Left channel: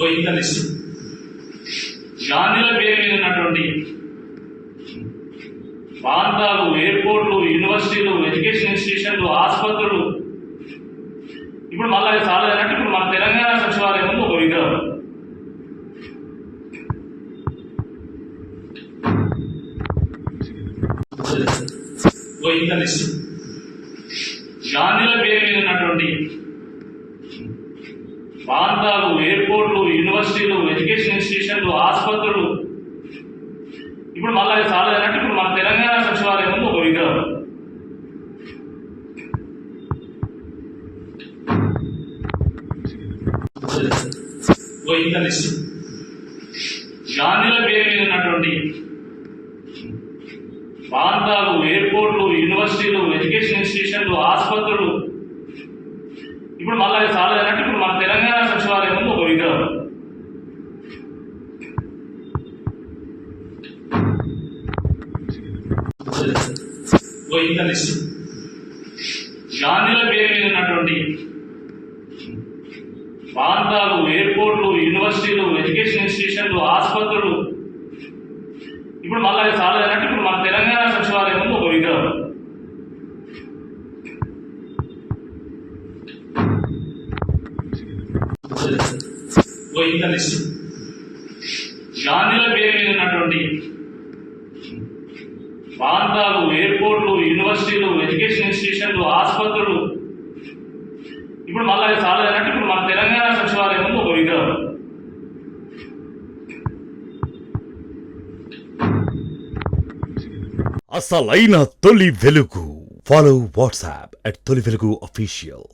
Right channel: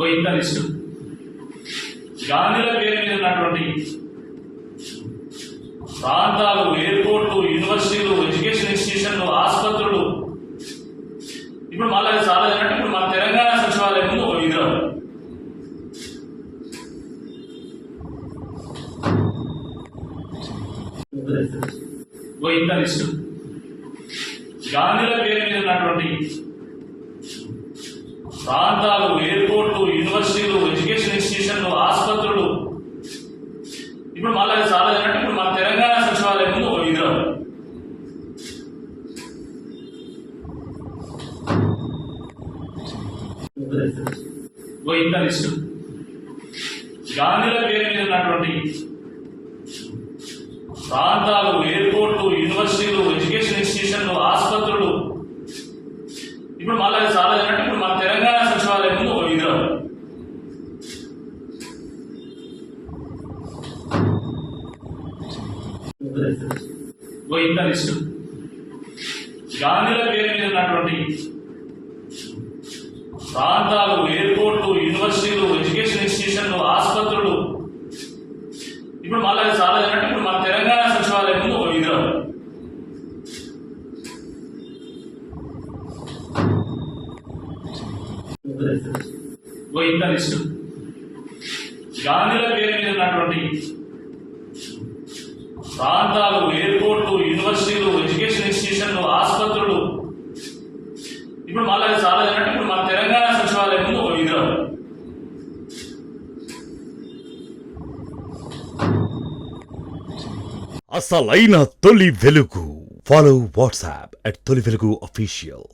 ఓ ఇంత లిస్టు గాంధీల పేరు మీద ఉన్నటువంటి ప్రాంతాలు, ఎయిర్పోర్ట్లు, యూనివర్సిటీలు, ఎడ్యుకేషన్ ఇన్స్టిట్యూషన్లు, ఆసుపత్రులు, ఇప్పుడు మళ్ళీ అది చాలేదంటే ఇప్పుడు మన తెలంగాణ సచివాలయం ముందు ఒక విగ్రహం. ఓ ఇంత లిస్టు గాంధీల పేరు మీద ఉన్నటువంటి ప్రాంతాలు, ఎయిర్పోర్ట్లు, యూనివర్సిటీలు, ఎడ్యుకేషన్ ఇన్స్టిట్యూషన్లు, ఆసుపత్రులు, ఇప్పుడు మళ్ళీ అది చాలేదంటే ఇప్పుడు మన తెలంగాణ సచివాలయం ముందు ఒక విగ్రహం. ఓ ఇంత లిస్టు గాంధీల పేరు మీద ఉన్నటువంటి ప్రాంతాలు, ఎయిర్పోర్ట్లు, యూనివర్సిటీలు, ఎడ్యుకేషన్ ఇన్స్టిట్యూషన్లు, ఆసుపత్రులు, ఇప్పుడు మళ్ళీ అది చాలేదంటే ఇప్పుడు మన తెలంగాణ సచివాలయం ముందు ఒక విగ్రహం. ఓ ఇంత లిస్టు గాంధీల పేరు మీద ఉన్నటువంటి ప్రాంతాలు, ఎయిర్పోర్ట్లు, యూనివర్సిటీలు, ఎడ్యుకేషన్ ఇన్స్టిట్యూషన్లు, ఆసుపత్రులు, ఇప్పుడు మళ్ళీ అది చాలేదంటే ఇప్పుడు మన తెలంగాణ సచివాలయం ముందు ఒక విగ్రహం. ఓ ఇంత లిస్టు గాంధీల పేరు మీద ఉన్నటువంటి ప్రాంతాలు, ఎయిర్పోర్ట్లు, యూనివర్సిటీలు, ఎడ్యుకేషన్ ఇన్స్టిట్యూషన్లు, ఆసుపత్రులు, ఇప్పుడు మళ్ళీ అది చాలేదంటే ఇప్పుడు మన తెలంగాణ సచివాలయం ముందు ఒక విగ్రహం. అసలైన తొలి వెలుగు. ఫాలో వాట్సాప్ @తొలి వెలుగు official.